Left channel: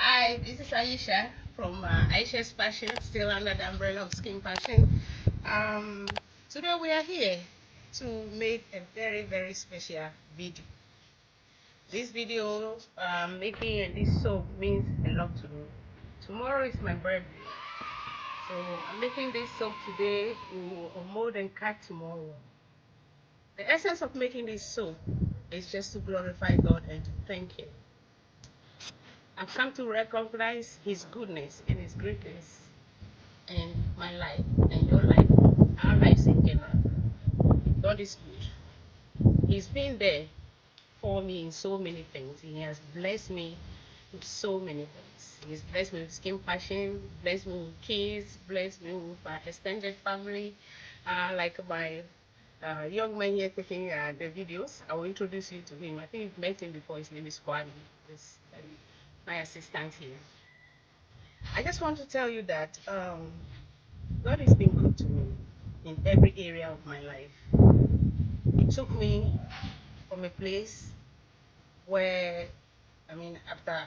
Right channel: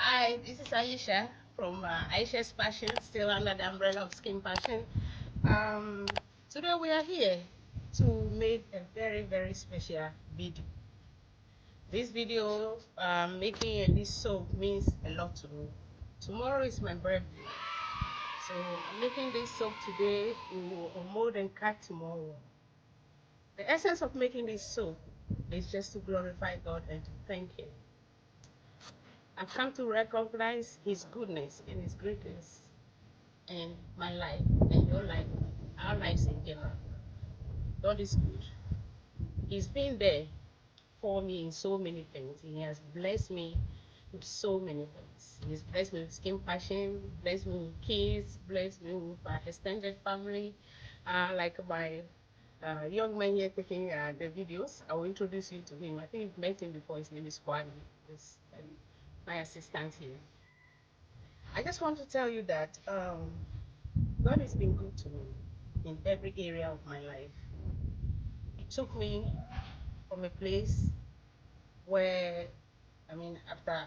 Hi, this is Ayesha from Ayesha's Passion, still under the umbrella of Skin Passion. Um, Today we are here to make a very, very special video. This video, making this soap means a lot to me. Tomorrow is my birthday, so I'm making this soap today. We will mold and cut tomorrow. The essence of making this soap is just to glorify God and to thank Him. I've come to recognize His goodness and His greatness in my life and your life, our lives in general. God is good. He's been there for me in so many things. He has blessed me with so many things. He's blessed me with Skin Passion, blessed me with kids, blessed me with my extended family, like my young man here taking the videos. I will introduce you to him. I think you've met him before. His name is Kwame. He's my assistant here. I just want to tell you that God has been good to me in every area of my life. He took me from a place where, after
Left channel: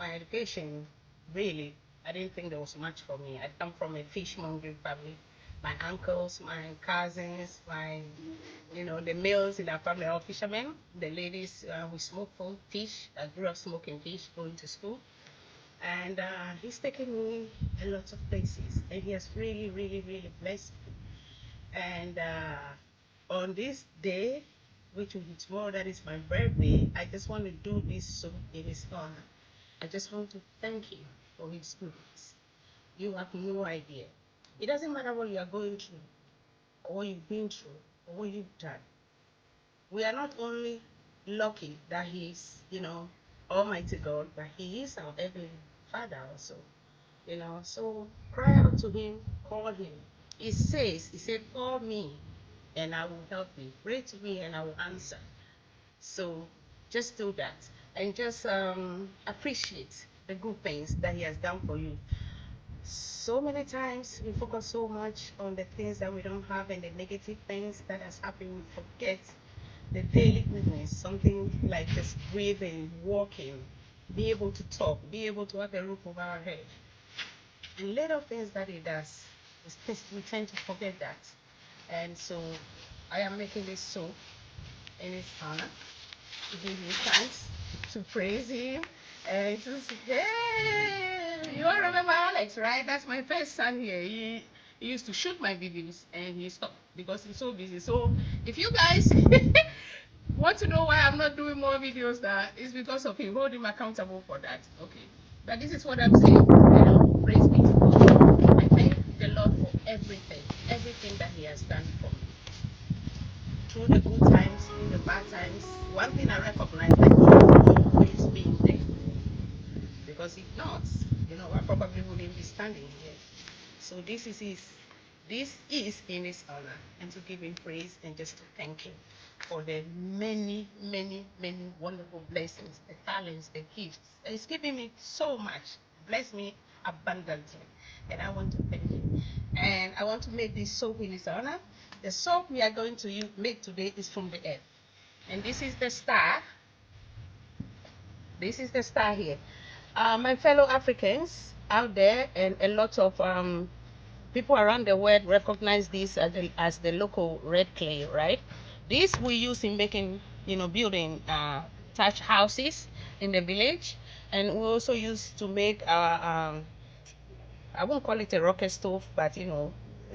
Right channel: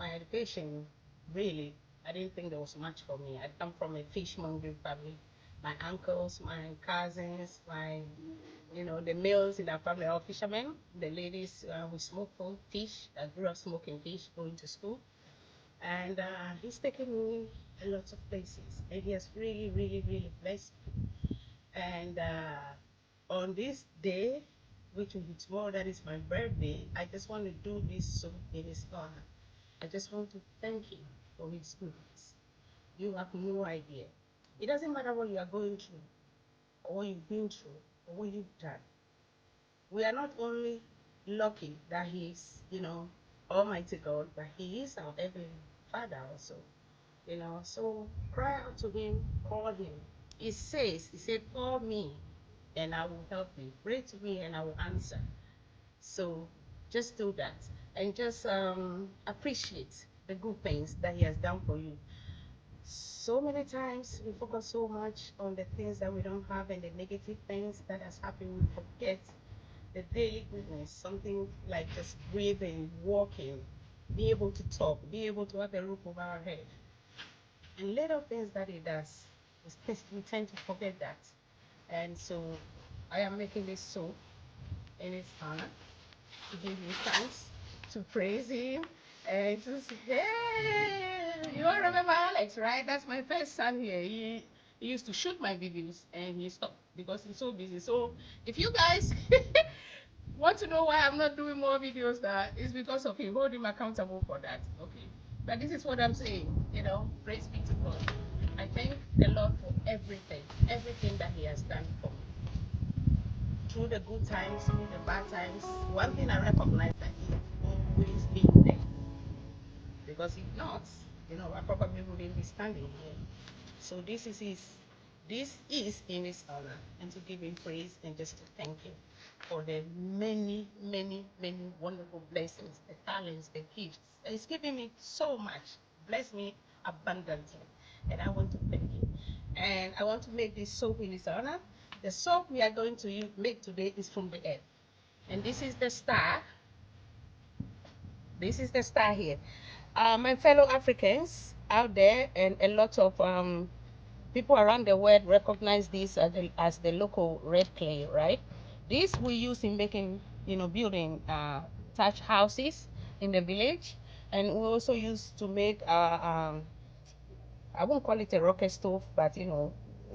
my education, really, I didn't think there was much for me. I come from a fishmongering family. My uncles, my cousins, the males in our family are all fishermen. The ladies, we smoke fish. I grew up smoking fish, going to school. And he's taken me a lot of places. And he has really, really, really blessed me. And on this day, which will be tomorrow, that is my birthday, I just want to do this so in his honor. I just want to thank him for his goodness. You have no idea. It doesn't matter what you are going through, or what you've been through, or what you've done. We are not only lucky that he is, Almighty God, but he is our Heavenly Father also. So cry out to him, call him. He said, call me and I will help you. Pray to me and I will answer. So just do that and just appreciate the good things that he has done for you. So many times we focus so much on the things that we don't have and the negative things that has happened. We forget the daily goodness, something like just breathing, walking, be able to talk, be able to have a roof over our head. And little things that he does, we tend to forget that. And so I am making this soap in his honor, to give him thanks, to praise him, and to say, hey, you all remember Alex, right? That's my first son here. He used to shoot my videos and he stopped because he's so busy. So if you guys want to know why I'm not doing more videos, that is because of him. Hold him accountable for that. Okay. But this is what I'm saying. Praise be to God. I thank the Lord for everything that He has done for me. Through the good times, through the bad times. One thing I recognize that He has always been there. Because if not, I probably wouldn't be standing here. So this is in his honor, and to give him praise and just to thank him for the many, many, many wonderful blessings, the talents, the gifts. He's given me so much, bless me abundantly, and I want to thank him. And I want to make this soap in his honor. The soap we are going to make today is from the earth, and this is the star. This is the star here. My fellow Africans out there and a lot of people around the world recognize this as the local red clay, right? This we use in making, building thatch houses in the village, and we also use to make I won't call it a rocket stove, but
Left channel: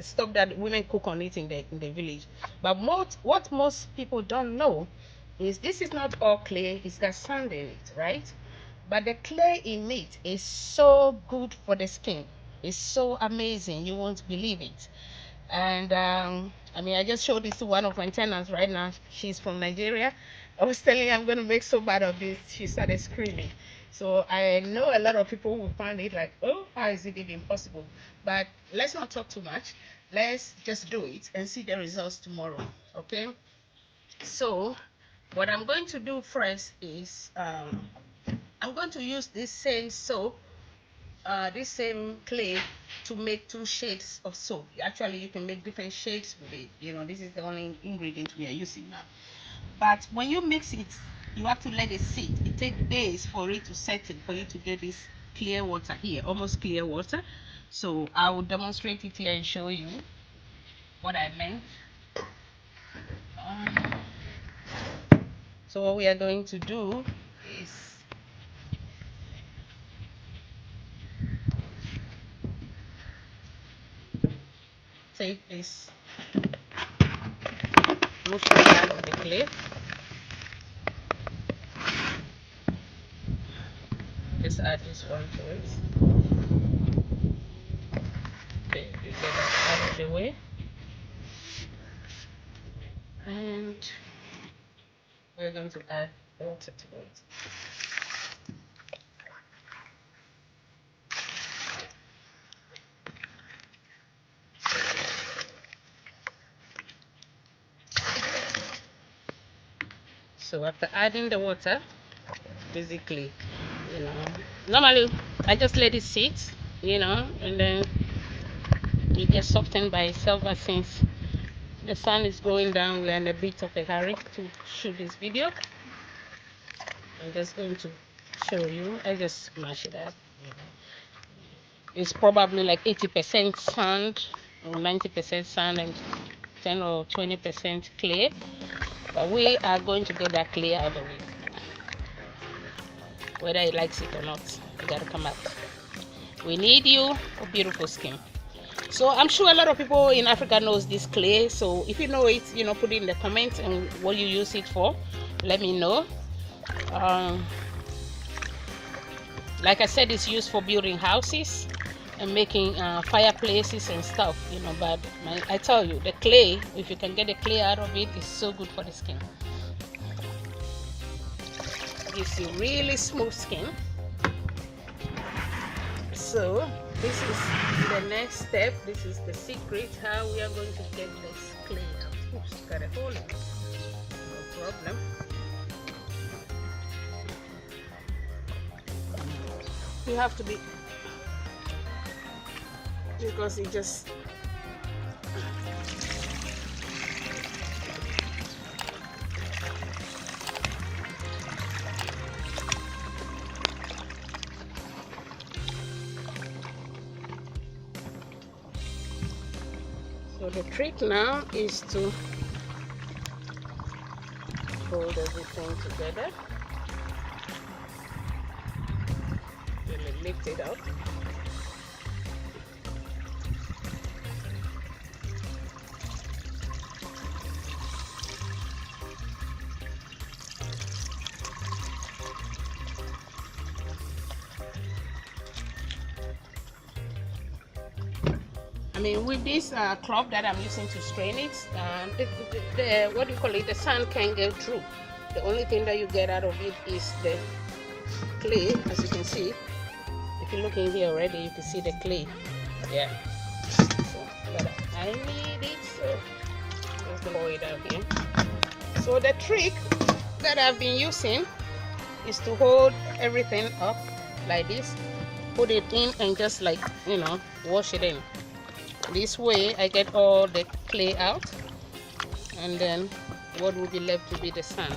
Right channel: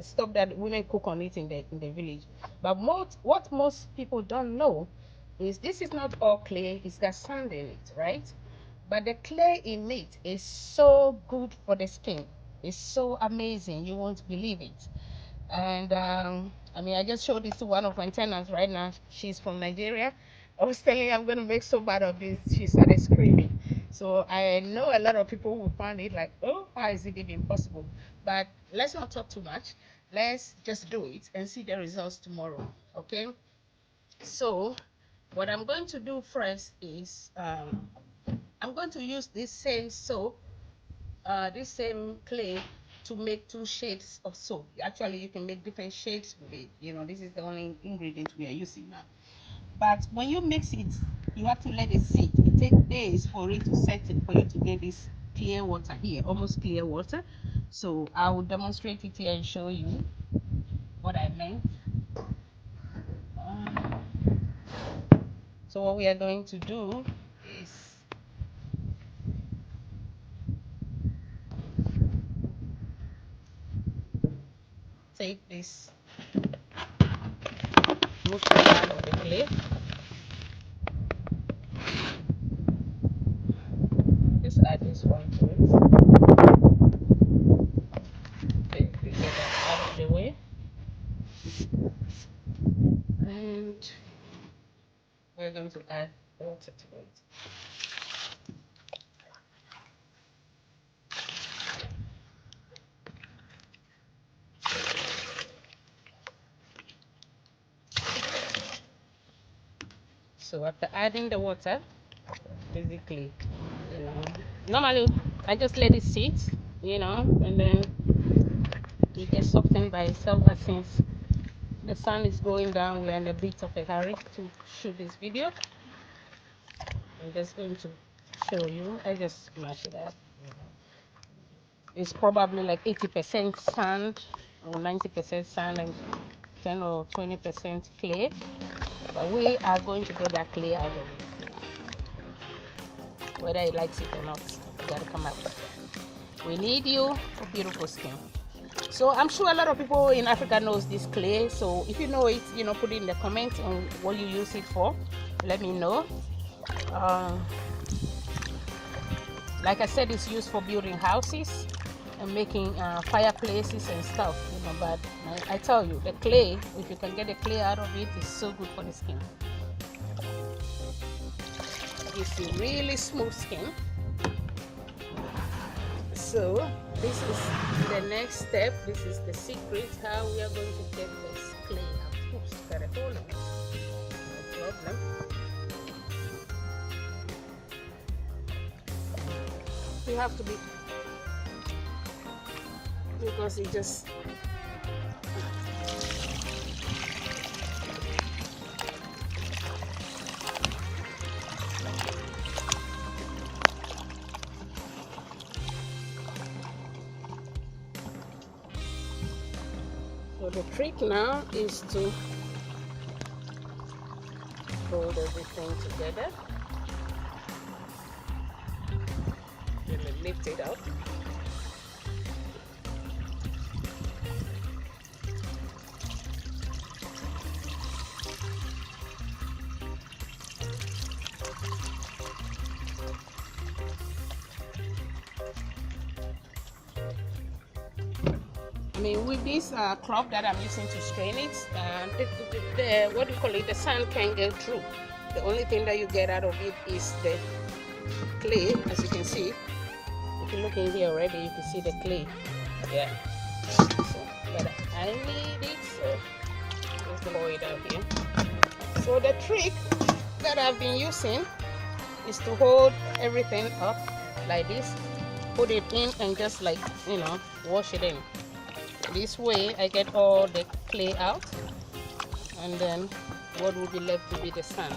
stuff that women cook on it in the village. But what most people don't know is this is not all clay; it's got sand in it, right? But the clay in it is so good for the skin. It's so amazing, you won't believe it. And I just showed this to one of my tenants right now. She's from Nigeria. I was telling her I'm going to make so bad of this. She started screaming. So I know a lot of people will find it like, oh, how is it even possible? But let's not talk too much. Let's just do it and see the results tomorrow. Okay? So what I'm going to do first is I'm going to use this same soap, this same clay, to make two shades of soap. Actually, you can make different shades with it. This is the only ingredient we are using now. But when you mix it, you have to let it sit. It takes days for it to settle, for you to get this clear water here, almost clear water. So I will demonstrate it here and show you what I meant. So what we are going to do is take this motion out of the clay. Just add this one to it. Okay, you get that out of the way. And we're going to add water to it. So after adding the water, basically, normally I just let it sit, and then it gets softened by itself. But since the sun is going down, we're in a bit of a hurry to shoot this video. I'm just going to show you. I just mash it up. It's probably like 80% sand or 90% sand and 10 or 20% clay. But we are going to get that clay out of it. Whether it likes it or not, it gotta come out. We need you for beautiful skin. So I'm sure a lot of people in Africa knows this clay. So if you know it, put it in the comments and what you use it for. Let me know. Like I said, it's used for building houses and making fireplaces and stuff, but I tell you, the clay, if you can get the clay out of it, is so good for the skin. Gives you really smooth skin. So this is the next step. This is the secret how we are going to get this clay out. Oops, got a hole in it. No problem. You have to be, because it just so the trick now is to hold everything together. Really lift it up. I mean, with this cloth that I'm using to strain it, what do you call it? The sand can get through. The only thing that you get out of it is the clay, as you can see. If you look in here already, you can see the clay. Yeah. So, but I need it, so let's pour it out here. So the trick that I've been using is to hold everything up like this, put it in, and just like wash it in. This way I get all the clay out, and then what will be left to be the sand.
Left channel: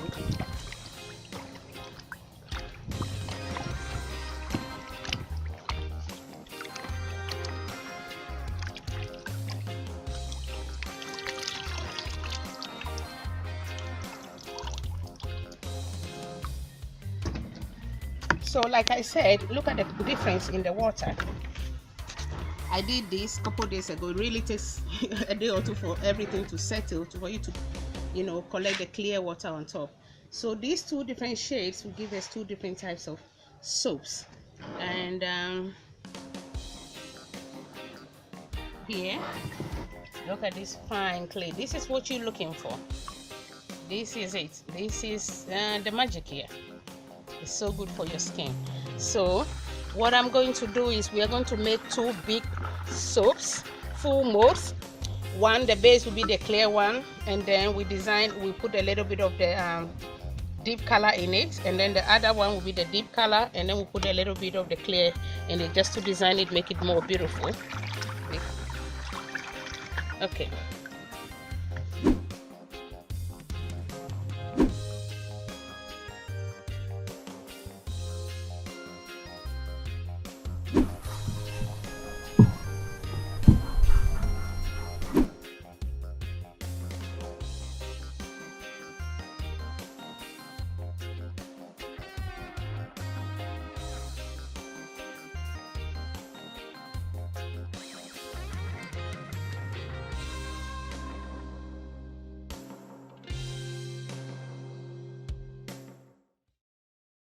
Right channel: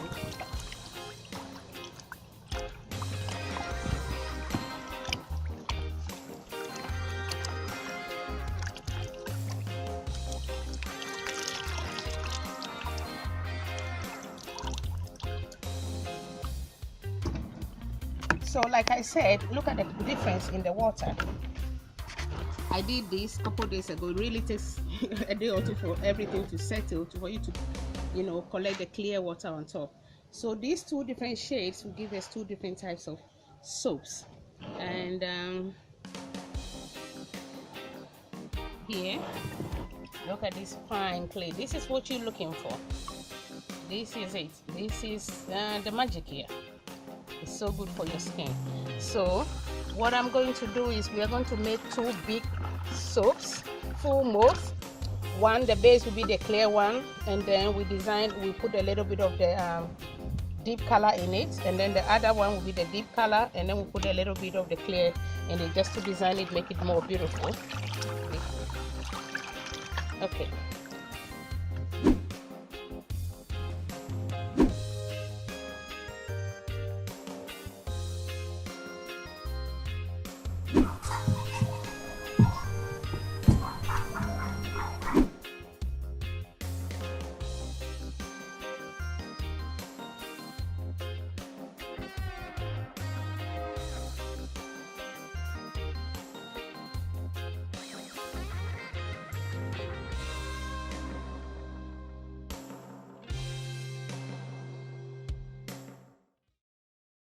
So like I said, look at the difference in the water. I did this a couple days ago. It really takes a day or two for everything to settle, for you to collect the clear water on top. So these two different shades will give us two different types of soaps. And here, look at this fine clay. This is what you're looking for. This is it. This is the magic here. It's so good for your skin. So what I'm going to do is we are going to make two big soaps, full molds. One, the base will be the clear one, and then we put a little bit of the deep color in it, and then the other one will be the deep color, and then we put a little bit of the clear in it just to design it, make it more beautiful. Okay.